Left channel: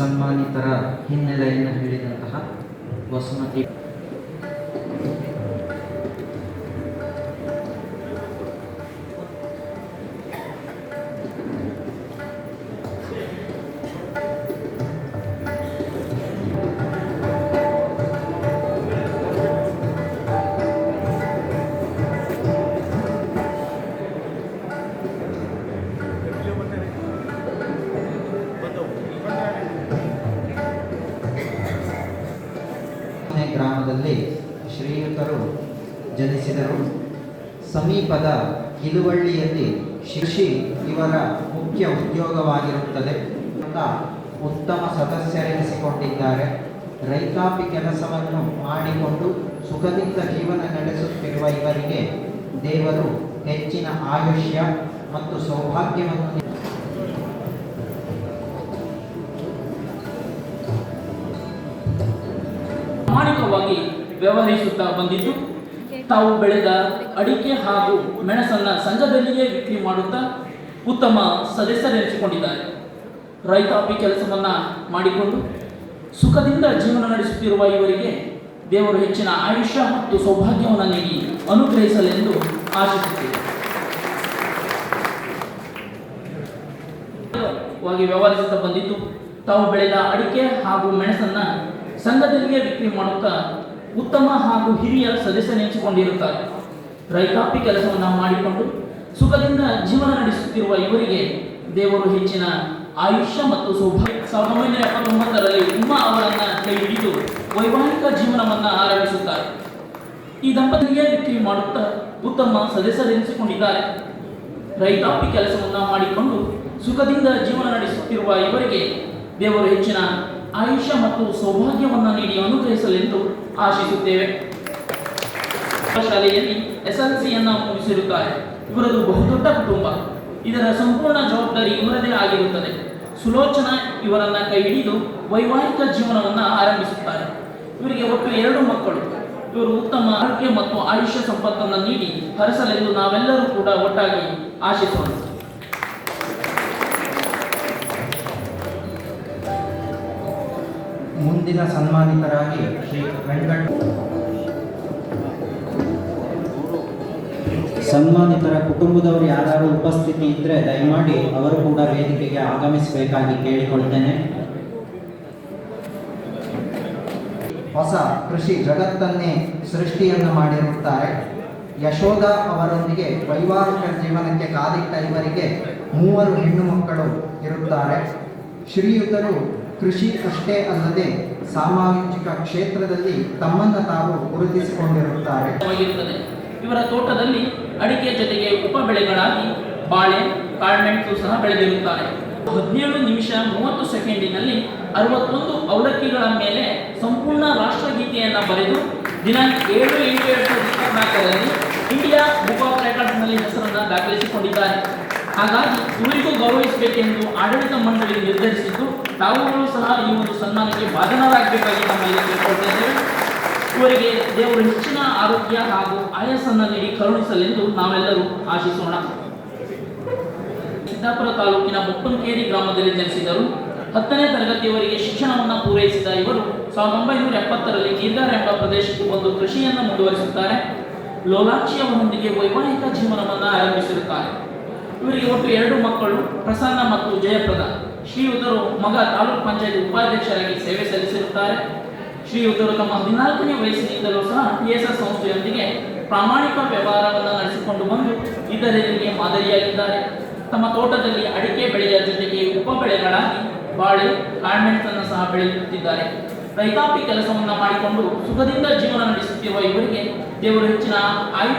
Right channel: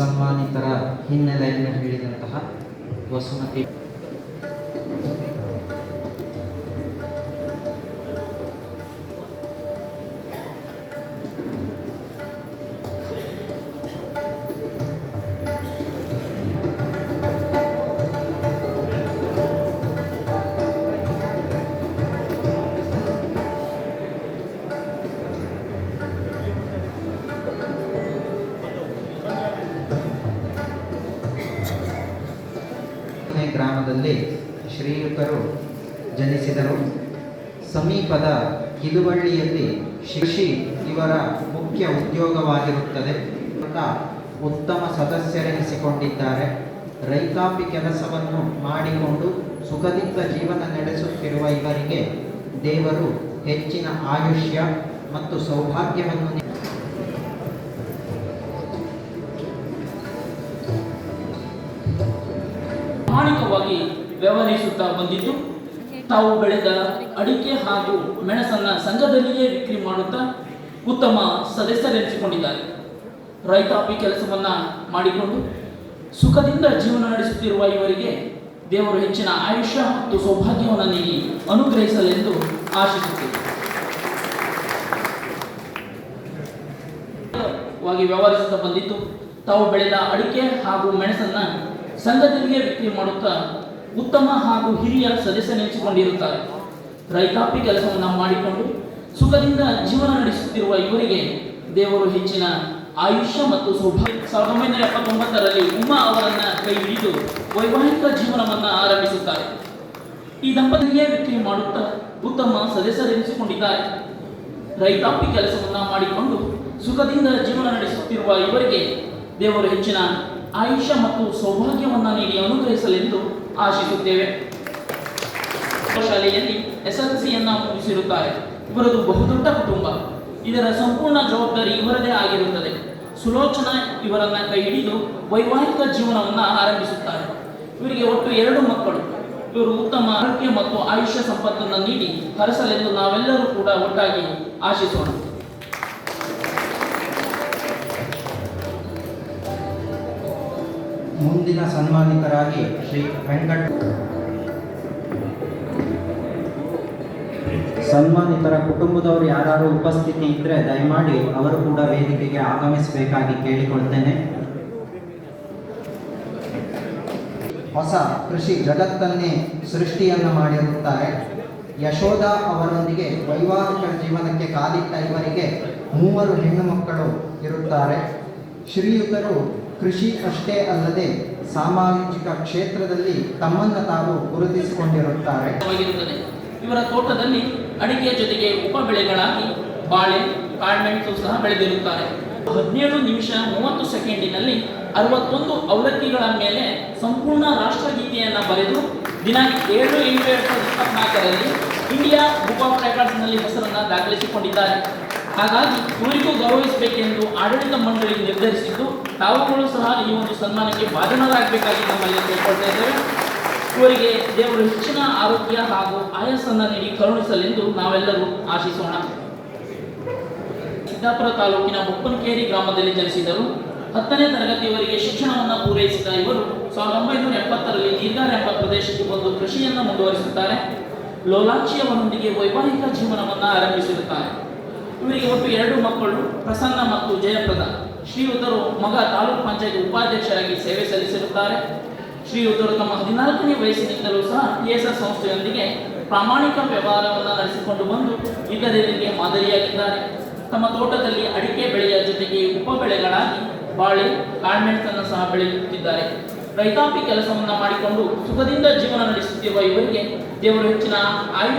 ಸನ್ಮಾನಿತರ ಹಿನ್ನೆಲೆಯನ್ನು ಹೇಳಿದಂತಹ ವಸುಮತಿ ಗ್ರಾಮದಲ್ಲಿ ಶ್ರೀಯುತರು ಜನಿಸಿದರು. ಸಮೀಪದ ಕಿದುವಳ್ಳಿಯಲ್ಲಿ ಶಿಶಿ ಇವರ ಮುಖ್ಯ ಉದ್ಯೋಗವಾಗಿರುತ್ತದೆ. ಉತ್ತಮ ಸದಸ್ಯರೆನಿಸಿಕೊಂಡಿದ್ದಾರೆ. ರೈತಾಪಿ ಕೆಲಸವನ್ನು ಮಾಡಿಕೊಂಡು ಸುಖದಿಂದ ಜೀವನ ನಡೆಸುತ್ತಿರುವ ಇವರಿಗೆ ದೇವರು ಹೆಚ್ಚಿನ ಆಯುಷ್ಯ ಮತ್ತು ಸೌಭಾಗ್ಯವನ್ನು ವ್ಯವಹರಿಸುತ್ತಾ ಬಂದಿದ್ದು, ತಾವು ಬೆಳೆದ ಅಡಿಕೆ ಹಾಗೂ ಮೆಣಸನ್ನ ಸಂಘದಲ್ಲಿಯೇ ವಿಕ್ರಿ ಮಾಡುತ್ತಾ ಉತ್ತಮ ಸದಸ್ಯರೆನಿಸಿಕೊಂಡಿದ್ದಾರೆ. ರೈತಾಪಿ ಕೆಲಸವನ್ನ ಮಾಡಿಕೊಂಡು ಸುಖದಿಂದ ಜೀವನ ನಡೆಸುತ್ತಿರುವ ಇವರಿಗೆ ದೇವರು ಹೆಚ್ಚಿನ ಆಯುಷ್ಯ ಮತ್ತು ಸೌಭಾಗ್ಯವನ್ನು ನೀಡಿ ಅನುಗ್ರಹಿಸಲೆಂದು ಆಶಿಸುತ್ತೇವೆ ವ್ಯವಹರಿಸುತ್ತಾ ಬಂದಿದ್ದು, ತಾವು ಬೆಳೆದ ಅಡಿಕೆ ಹಾಗೂ ಮೆಣಸನ್ನ ಸಂಘದಲ್ಲಿಯೇ ವಿಕ್ರಿ ಮಾಡುತ್ತಾ ಉತ್ತಮ ಹಾಗೂ ಹಿರಿಯ ಸದಸ್ಯನೆನಿಸಿಕೊಂಡಿರುತ್ತಾರೆ ರೈತಾಪಿ ಕೆಲಸವನ್ನು ಮಾಡಿಕೊಂಡು ಸುಖದಿಂದ ಜೀವನ ನಡೆಸುತ್ತಿರುವ ಇವರಿಗೆ ದೇವರು ಹೆಚ್ಚಿನ ಆಯುಷ್ಯ ಮತ್ತು ಸೌಭಾಗ್ಯ. ಸಾವಿರದ ಒಂಬೈನೂರ ಎಪ್ಪತ್ತೊಂಬತ್ತರಲ್ಲಿ ಉಮ್ಮ ಅವರನ್ನ ಕೈ ಹಿಡಿದು ವೈವಾಹಿಕ ಜೀವನವನ್ನ ಆರಂಭಿಸುತ್ತಾರೆ. ಈ ದಂಪತಿಯೇ ವಿಕ್ರಿ ಮಾಡುತ್ತಾ ಉತ್ತಮ ಸದಸ್ಯರೆನಿಸಿಕೊಂಡಿದ್ದಾರೆ. ರೈತಾಪಿ ಕೆಲಸವನ್ನ ಮಾಡಿಕೊಂಡು ಸುಖದಿಂದ ಜೀವನ ನಡೆಸುತ್ತಿರುವ ಇವರಿಗೆ ದೇವರು ಹೆಚ್ಚಿನ ಆಯುಷ್ಯ ಮತ್ತು ಸೌಭಾಗ್ಯವನ್ನು ನೀಡಿ ಅನುಗ್ರಹಿಸಲೆಂದು ಆಶಿಸುತ್ತೇವೆ. ಶಾಲೆಯಲ್ಲಿ ಎಸ್ ಎಲ್ ಸಿಯನ್ನು ಮುಗಿಸಿರುತ್ತಾರೆ. ಇವರದು ಬಹುದೊಡ್ಡ ಕುಟುಂಬ. ಇದರ ಸಂಪೂರ್ಣ ಜವಾಬ್ದಾರಿ ಇವರದೇ ಆಗಿರುತ್ತದೆ. ಸುಲೋಚನಾ ಇವರನ್ನ ಕೈ ಹಿಡಿದು ವೈವಾಹಿಕ ಜೀವನವನ್ನು ಆರಂಭಿಸುತ್ತಾರೆ. ಇವರಿಗೆ ಒಟ್ಟು ಎರಡು ಮಕ್ಕಳು. ಇವರು ಉತ್ತಮ ಆರೋಗ್ಯ ಮತ್ತು ಆಯುಷ್ಯ ಸಂಪತ್ತನ್ನು ನೀಡಿ ಹರಸಲೆಂದು ನಾವೆಲ್ಲರೂ ಕೂಡ ಒಟ್ಟಾಗಿ ಆಶಿಸೋಣ. ಮುಂದಿನ ಸನ್ಮಾನಿತರಾಗಿ ಶ್ರೀ ವೆಂಕಟ ಸನ್ಮಾನಿತರ ಕುಟುಂಬದವರು ಯಾರು ಉಪಸ್ಥಿತಿ ಇದ್ದರೆ ದಯಮಾಡಿ ಅವರು ಕೂಡ ವೇದಿಕೆಗೆ ಆಗಮಿಸಬೇಕಾಗಿ ಕೇಳಿಕೊಳ್ತೇನೆ ಹೊಸ ಕೃಷಿ ಜಗತ್ತನ್ನೇ ಸೃಷ್ಟಿಯನ್ನು ಮಾಡಿರುತ್ತಾರೆ. ಯಶೋಧ ಅವರೊಂದಿಗೆ ವೈವಾಹಿಕ ಜೀವನಕ್ಕೆ ಕಾಲಿಟ್ಟ ಇವರಿಗೆ ಮೂವರು ಹೆಣ್ಣು ಮಕ್ಕಳು ಇರುತ್ತಾರೆ. ಶ್ರೀಯುತರು ಕೃಷಿ ಅಷ್ಟೇ ಅಲ್ಲದೆ ಸಾಮಾಜಿಕ ಕ್ಷೇತ್ರದಲ್ಲಿ ತಮ್ಮನ್ನು ತಾವು ಗುರುತಿಸಿಕೊಂಡಿರುತ್ತಾರೆ. ಇವರ ತೋಟದಲ್ಲಿ ಅಡಿಕೆ ಜೊತೆಗೆ ಉಪ ಬೆಳೆಗಳಾಗಿ ಬಾಳೆ, ಕಾಳ್ಮೆಣಸು ಸಹ ಬೆಳೆದಿರುತ್ತಾರೆ. ಹದಿನೇಳು ನಿಮಿಷ ಮೂವತ್ತು ಸೆಕೆಂಡಿನಲ್ಲಿ ಅರವತ್ತೊಂದು ಅವಲಕ್ಕಿಗಳ ಮೇಲೆ ಸಂಪೂರ್ಣ ರಾಷ್ಟ್ರಗೀತೆಯನ್ನು ಬರೆದು ದಿನಾಂಕ ಏಳು ಎಂಟು ಎರಡು ಸಾವಿರದ ಇಪ್ಪತ್ನಾಲ್ಕರಲ್ಲಿ ಇಂಡಿಯಾ ಬುಕ್ ಆಫ್ ರೆಕಾರ್ಡ್ಸ್ನಲ್ಲಿ ಹೆಸರನ್ನು ದಾಖಲಿಸಿಕೊಂಡಿದ್ದಾರೆ. ಹಾಗಾಗಿ ಇವರಿಗೂ ಗೌರವಿಸಬೇಕೆಂದು ಆಡಳಿತ ಮಂಡಳಿ ನಿರ್ಧರಿಸಿದ್ದು, ತಾವುಗಳು ಸಹ ಈ ಒಂದು ಸನ್ಮಾನಕ್ಕೆ ಬಾಧನರಾಗಬೇಕಾಗಿ ನಮ್ಮ ಇವರಿಗೆ ದೇವರು ಹೆಚ್ಚಿನ ಆರೋಗ್ಯ ಹಾಗೂ ಆಯಸ್ಸನ್ನು ನೀಡಿ ಕರುಣಿಸಲೆಂದು ನಾವೆಲ್ಲರೂ ಆಶಿಸೋಣ. ಸಿದ್ದಾಪುರ ತಾಲೂಕಿನ ಮುಪ್ಪನ್ಕೇರಿ ಗ್ರಾಮದಲ್ಲಿ ಜನಿಸಿದರು. ಹತ್ತನೇ ತರಗತಿಯವರೆಗೆ ಶಿಕ್ಷಣವನ್ನು ಪೂರೈಸಿದ ಇವರು ಸಾವಿರದ ಒಂಬೈನೂರ ಎಪ್ಪತ್ತರಲ್ಲಿ ನೀರ್ಗಾರ ಎಂಬ ಪ್ರದೇಶಕ್ಕೆ ಬಂದು ಕೃಷಿಯನ್ನು ಮುಂದುವರಿಸುತ್ತಾರೆ. ಲೋಲಾಕ್ಷಿ ವೈವಾಹಿಕ ಜೀವನವನ್ನು ಆರಂಭಿಸಿರುತ್ತಾರೆ. ಇವರಿಗೆ ಒಟ್ಟು ಎರಡು ಮಕ್ಕಳು, ಪ್ರಸನ್ನ ಮತ್ತು ಜಯಪ್ರದ. ಶ್ರೀಯುತರು ಮಗ ತಾಲೂಕ್ ಪಂಚಾಯತ್ ಉಪಾಧ್ಯಕ್ಷರಾಗಿ ಸೇವೆ ಸಲ್ಲಿಸಿರುತ್ತಾರೆ. ಶ್ರೀಯುತರು ತಮ್ಮ ಹದಿನಾಲ್ಕನೇ ವಯಸ್ಸಿನಿಂದಲೂ ಸಹ ಟಿಎಸ್ಎಸ್ ಸಂಸ್ಥೆಯೊಂದಿಗೆ ಪ್ರಾಮಾಣಿಕ ವ್ಯವಹಾರವನ್ನು ನಡೆಸಿಕೊಂಡು ಬಂದು ಇತರರಿಗೆ ಮಾದರಿಯಾಗಿದ್ದಾರೆ. ತಮ್ಮ ತೋಟದಲ್ಲಿ ಅಡಿಕೆ ಬೆಳೆಯ ಜೊತೆಗೆ ಉಪ ಬೆಳೆಗಳಾಗಿ ಬಾಳೆ ಕಾಳ್ಮೆಣಸನ್ನು ಸಹ ಬೆಳೆಯುತ್ತಿದ್ದಾರೆ. ರೈತಾಪಿ ಕೆಲಸವನ್ನು ಮಾಡಿಕೊಂಡು ಸುಖದಿಂದ ಜೀವನ ನಡೆಸುತ್ತಿರುವ ಇವರಿಗೆ ದೇವರು ಹೆಚ್ಚಿನ ಆಯು